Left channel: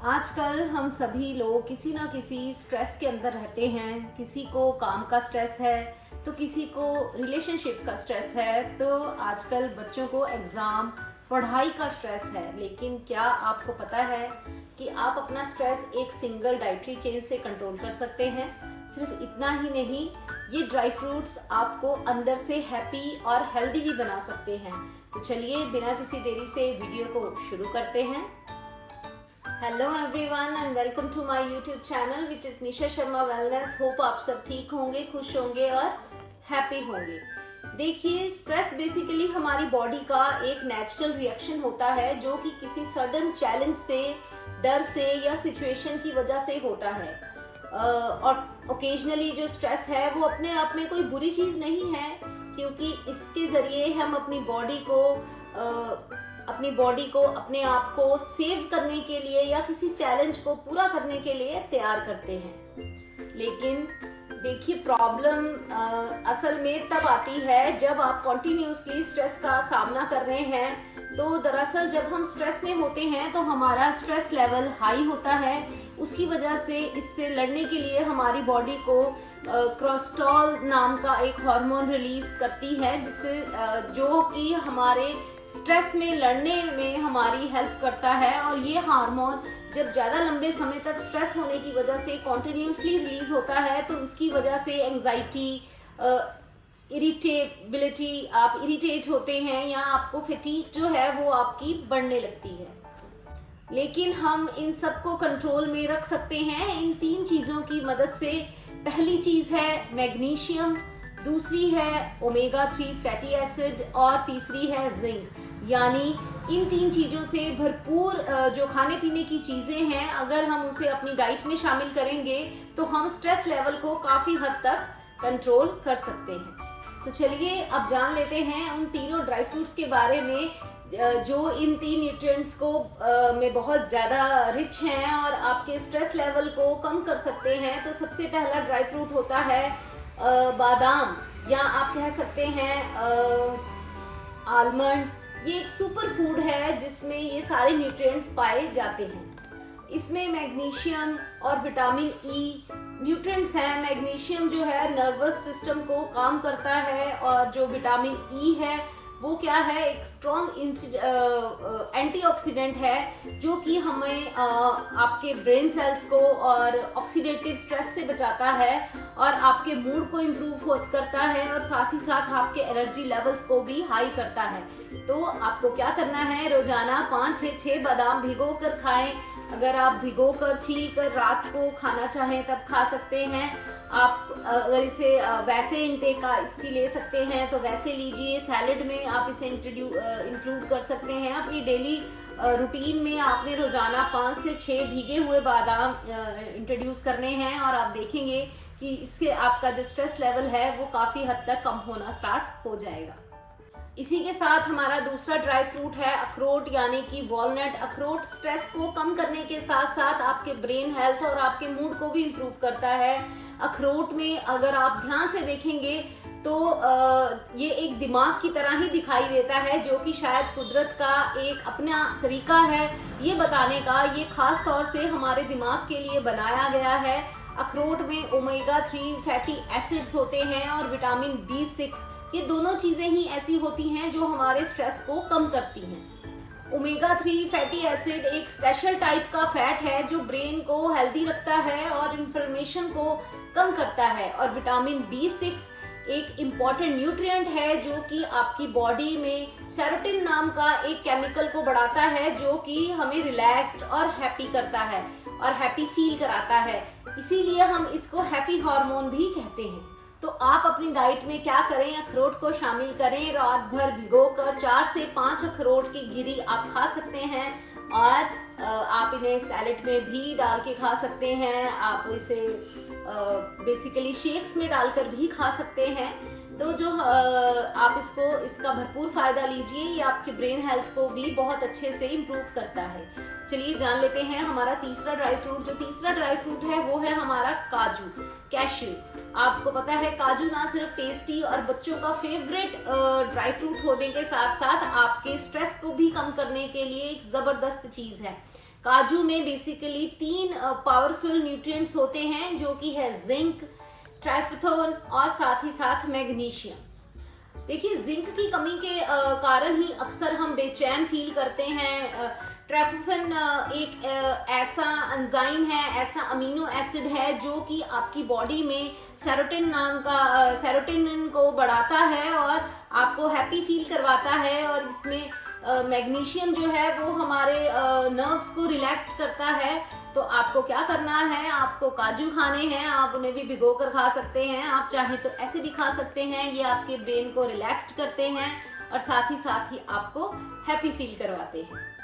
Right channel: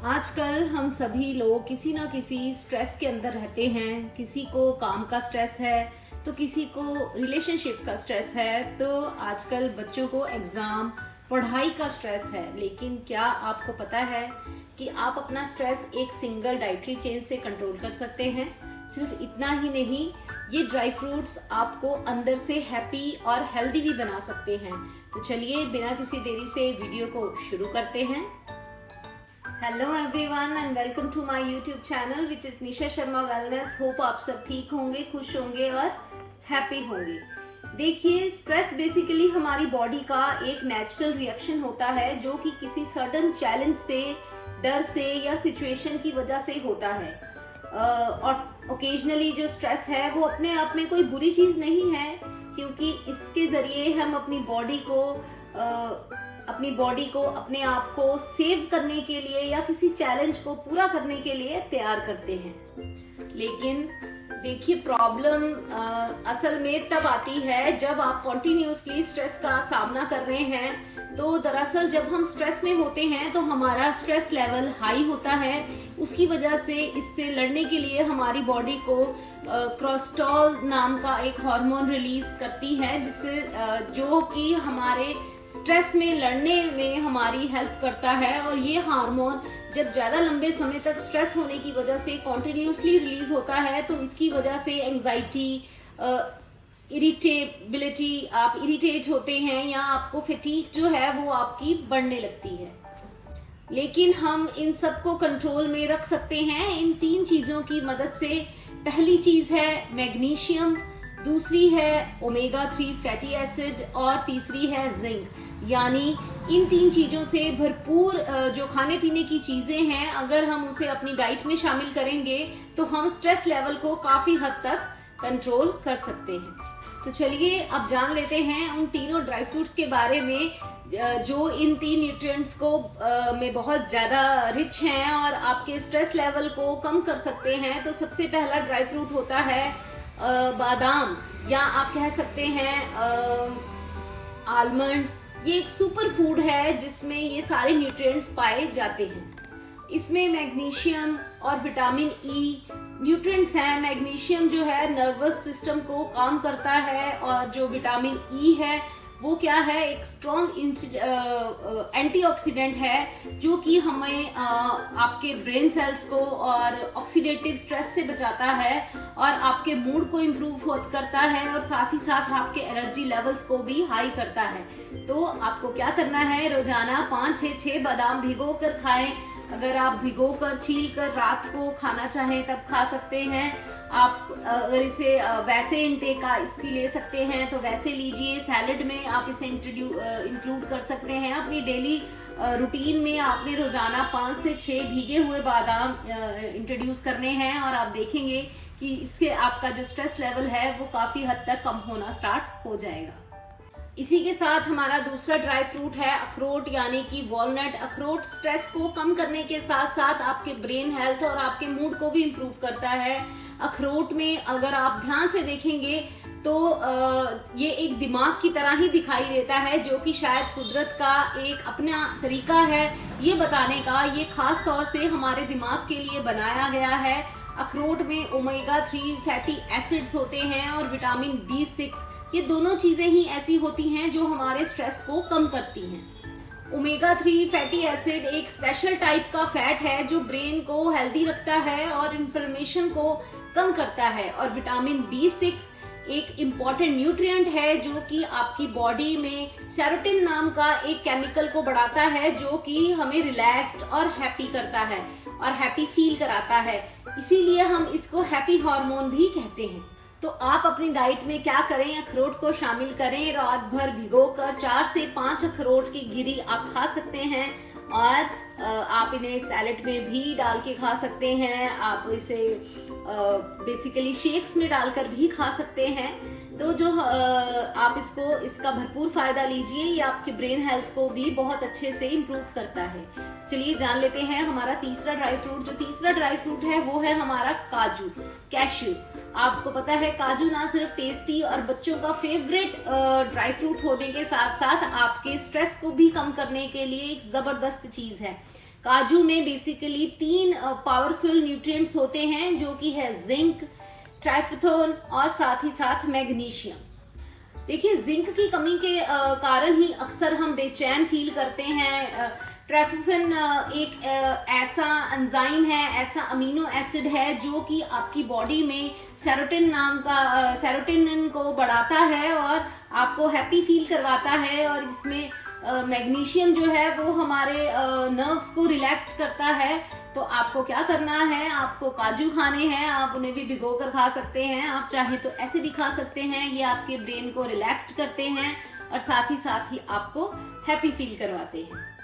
आजकल हम सभी लोग किसी ना किसी स्ट्रेस के अंदर रहते हैं। किसी को काम का स्ट्रेस है तो किसी को रिलेशनशिप का स्ट्रेस है, तो आजकल बच्चों को एग्जाम पढ़ाई का स्ट्रेस है। लेकिन क्या आपको पता है कि आप अपना स्ट्रेस एक सिंगल डाइटरी चेंज से कंट्रोल कर सकते हैं। सिर्फ इतना ही नहीं, ये ड्राई फ्रूट्स आपको अंदर से हैप्पी और हेल्दी भी बना सकते हैं। तो चलिए बिना किसी देरी से वीडियो को शुरू करते हैं। Hello everyone and welcome to my YouTube channel which is Nisha Sharma wellness. Hope आप सब ठीक होंगे, खुश होंगे और हैप्पी होंगे। देखिए, स्ट्रेस बेसिकली हमारी बॉडी का एक नेचुरल रिएक्शन होता है जो कि किसी सडन चैलेंज से, डर से या सिचुएशन की वजह से होता है। और ओकेजनली जो स्ट्रेस है वो अपने आप में कोई बुरी चीज नहीं है, क्योंकि इसके जरिए हम अपनी बॉडी को अपने आप को सेव करने के लिए या किसी चैलेंज को पूरा करने के लिए तैयार करते हैं। लेकिन देखिए, प्रॉब्लम असल में तब आती है जब आप कॉन्टिन्यूसली स्ट्रेस का सामना कर रहे हैं। तो दरअसल जब हम स्ट्रेस में होते हैं तो हमारा स्ट्रेस लेवल हाई होता है। उसकी वजह से इससे लड़ने के लिए हमारी बॉडी को कोर्टिसोल नाम का एक हार्मोन रिलीज करती है, जिससे जो कि हमारे स्ट्रेस में लड़ने में हमारी हेल्प करता है। और ये हार्मोन जब ज्यादा लंबे समय तक स्ट्रेस होने की वजह से कॉन्टिन्यूसली रिलीज होता है तो इसकी वजह से एंजाइटी, इरिटेबिलिटी, आप इरिटेट होते हैं या आपको फटीग जो है वो आपकी बढ़ने लगती है। लेकिन हम इन सबको कंट्रोल में रख सकते हैं इन 3 चीजों की मदद से। पहली चीज है मैग्नीशियम, दूसरी है ओमेगा 3 फैटी एसिड और तीसरी है जिंक। यानी इन 3 चीजों से भरपूर जो खाने पीने की चीजें हैं, अगर हम उसे अपनी डाइट में शामिल करेंगे तो हम स्ट्रेस लेवल को काफी हद तक कंट्रोल कर सकते हैं। तो चलिए अब जान लेते हैं उन तीनों ड्राई फ्रूट्स के बारे में जो इन 3 न्यूट्रिएंट्स को में बहुत ज्यादा रिच हैं और आपके स्ट्रेस लेवल को कम कर सकते हैं। तो सबसे पहला ड्राई फ्रूट होता है बादाम, या आप कह सकते हैं आलमंड। ये एक सुपर फूड है जिसमें ये सारे न्यूट्रिएंट्स पाए जाते हैं। इसमें मैग्नीशियम और विटामिन ई न्यूट्रिएंट्स हैं। मैग्नीशियम जो है नर्वस सिस्टम को काम करता है, और जो विटामिन ई है वो क्या है, एक स्ट्रॉन्ग एंटीऑक्सीडेंट है जो कि हमें आपके ब्रेन सेल्स को और ऑक्सीडेटिव स्ट्रेस से बचाता है और आपके मूड को इम्प्रूव करता है, और साथ ही साथ आपके एनर्जी लेवल्स को भी हाई करता है। तो आपको क्या करना है, रोजाना 5-6 बादाम भिगो कर खाएं। अगर आप भिगो कर छील कर रात को खाना चाहें तब खा सकते हैं। आप अगर इसे वैसे इंटेक का इसकी ले सकते हैं तो वैसे लीजिए। सैलेड में आप इसे इंक्लूड कर सकते हैं। अपनी डेली रूटीन में आपने रोजाना 5 से 6 भीगे हुए बादाम इंट्रोड्यूस करने हैं, और आप देखेंगे कि इससे आपका जो स्ट्रेस लेवल है वो काफी हद तक कम होना स्टार्ट हो जाएगा। इसी के साथ हमारा दूसरा ड्राई फ्रूट है अखरोट, यानी कि वॉलनट। अखरोट स्ट्रेस को कम करने के साथ साथ आपके ब्रेन हेल्थ और आपके मूड को भी इम्प्रूव करता है। अखरोट में अगर आप ध्यान से देखेंगे तो ये एक दिमाग की तरह ही दिखाई देता है, जो कि शायद कुदरत का एक अपना तरीका है ये बताने का। ये खास तौर से हमारे दिमाग के लिए बनाया गया है। अखरोट में ओमेगा 3 फैटी एसिड्स होते हैं और विटामिन B6, ये दोनों चीजें ही ऐसी होती हैं जो हमारे स्ट्रेस को कम करती हैं। ओमेगा 3 फैटी एसिड एक स्पेशल टाइप का फैट है जो ब्रेन को हेल्दी रखता है और इन्फ्लेमेशन को कम करता है। और विटामिन B6 एक इम्पॉर्टेंट न्यूट्रिएंट है जो कि आपकी बॉडी में सेरोटोनिन नाम का एक केमिकल को बढ़ाता है, जो कि हमें रिलैक्स्ड और हैप्पी करता है और हैप्पी फील कराता है। इसीलिए हम इसको हैप्पी हार्मोन भी कहते हैं। तो आप अपनी डाइट में क्या करें, अखरोट को शामिल करें। रात भर भिगोकर 4 से 5 अखरोट की गिरी आप खा सकते हैं, और आप इन्हें सैलेड में भी डाल के खा सकते हैं। आप इसे बेसिकली शेक्स में डालकर भी खा सकते हैं। तो जो आप इसका भरपूर फायदा लीजिए। ये आपके ब्रेन हेल्थ को भी बहुत अच्छे से इम्प्रूव करता है। चलिए जान लेते हैं हमारा तीसरा ड्राई फ्रूट। जो तीसरा ड्राई फ्रूट है वो है हमारा काजू, कैश्यू। आपको पता है काजू ना सिर्फ टेस्टी और बच्चों का फेवरेट ड्राई फ्रूट होने के साथ साथ आपके स्ट्रेस को भी कम करने के लिए एक जबरदस्त चीज है। काजू में बेसिकली 3 पावरफुल न्यूट्रिएंट्स होते हैं, जो कि है जिंक, ट्राइफेथोन और साथ ही साथ मैग्नीशियम। देखिए, जिंक की कमी के कारण ही अक्सर हम बेचैन फील करते हैं। ट्राइफेथोन एक ऐसा एंजाइम है, ऐसा अमीनो एसिड है जो कि आपकी बॉडी में सेरोटोनिन को बढ़ाता है और आपको हैप्पी फील करवाता है। और इसमें मैग्नीशियम जो है वो हमारे नर्व्स को रिलैक्स करता है। तो आपको क्या करना है, आपको काजू खाने हैं, आप उन्हें भी भिगो कर खा सकते हैं, आप चाहें तो ऐसे भी खा सकते हैं। ये आपके ब्रेन को रिलैक्स करते हैं और साथ ही आपको हैप्पी फील करवाते हैं।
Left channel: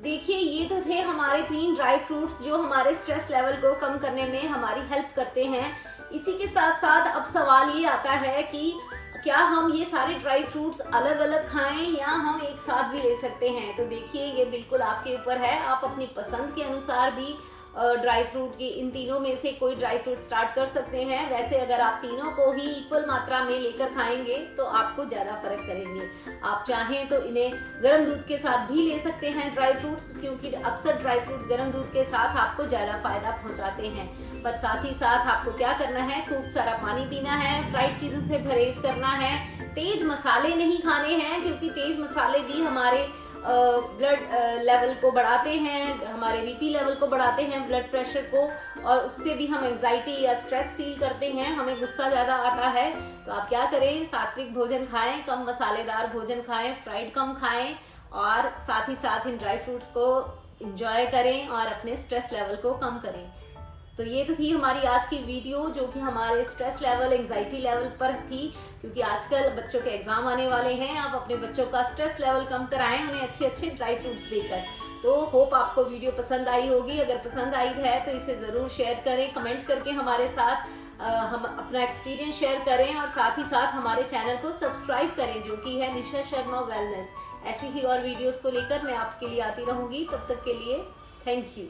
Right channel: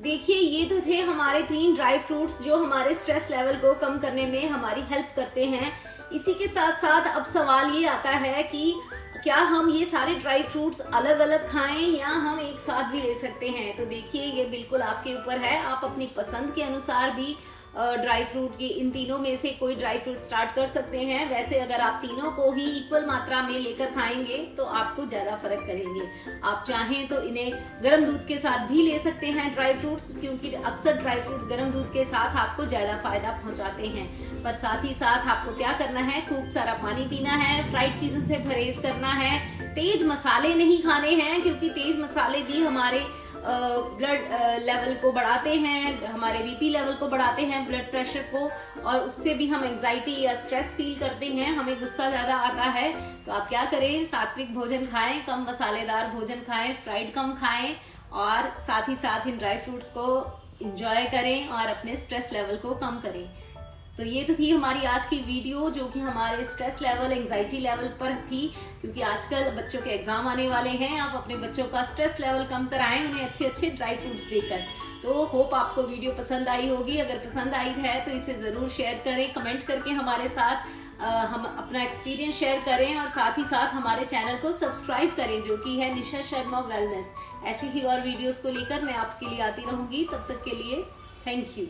देखिए, ये तो थे हमारे 3 ड्राई फ्रूट्स जो हमारे स्ट्रेस लेवल को कम करने में हमारी हेल्प करते हैं। इसी के साथ साथ अब सवाल ये आता है कि क्या हम ये सारे ड्राई फ्रूट्स अलग अलग खाएं या हम एक साथ भी ले सकते हैं। तो देखिए, ये बिल्कुल आपके ऊपर है, आप अपनी पसंद के अनुसार भी ड्राई फ्रूट की इन तीनों में से कोई ड्राई फ्रूट स्टार्ट कर सकते हैं। वैसे अगर आप तीनों को ही इक्वल मात्रा में लेकर खाएंगे तो आपको ज्यादा फर्क करेंगे। आप चाहें तो इन्हें गर्म दूध के साथ भी ले सकते हैं ड्राई फ्रूट्स, क्योंकि अक्सर ड्राई फ्रूट्स गर्म दूध के साथ आपको ज्यादा फायदा पहुंचाते हैं। पर साथ ही साथ आपको क्या करना है, खूब सारा पानी पीना है, फ्राइड चीजों से परहेज करना है, तेज मसाले नहीं खाने हैं, क्योंकि तेज मसाले भी हमारे ब्लड लेवल को बढ़ाते हैं, हमारे बीपी लेवल को बढ़ाते हैं, ब्लड प्रेशर को, और उससे भी हम एंजाइटी या स्ट्रेस फील करते हैं, हमें गुस्सा ज्यादा आता है। तो आप क्या करें, सात्विक भोजन खाएं, कम मसालेदार भोजन खाएं, फ्राइड कम खाएं और साथ ही साथ इन ड्राई फ्रूट्स को एंजॉय करें और अपने स्ट्रेस लेवल को कम करें। तो ये तो थी हमारी आज की वीडियो, जो कि हमारे स्ट्रेस लेवल, एंजाइटी लेवल पर थी, क्योंकि आजकल बच्चों के एग्जाम आने वाले हैं। आप अपने बच्चों का स्ट्रेस लेवल कम कराएं उन्हें अच्छे अच्छे ड्राई फ्रूट्स देकर। तो होप आपको वीडियो पसंद आई होगी। अगर पसंद आई है तो इसे जरूर शेयर करें, कमेंट करके हमारे साथ हम अपना एक्सपीरियंस शेयर करें और साथ ही साथ हमारे चैनल को सब्सक्राइब करें, जो कि है निशा शर्मा वेलनेस। ऐसी ही और वीडियोस को लेकर मैं आपके लिए आती रहूंगी। तब तक के लिए थैंक यू।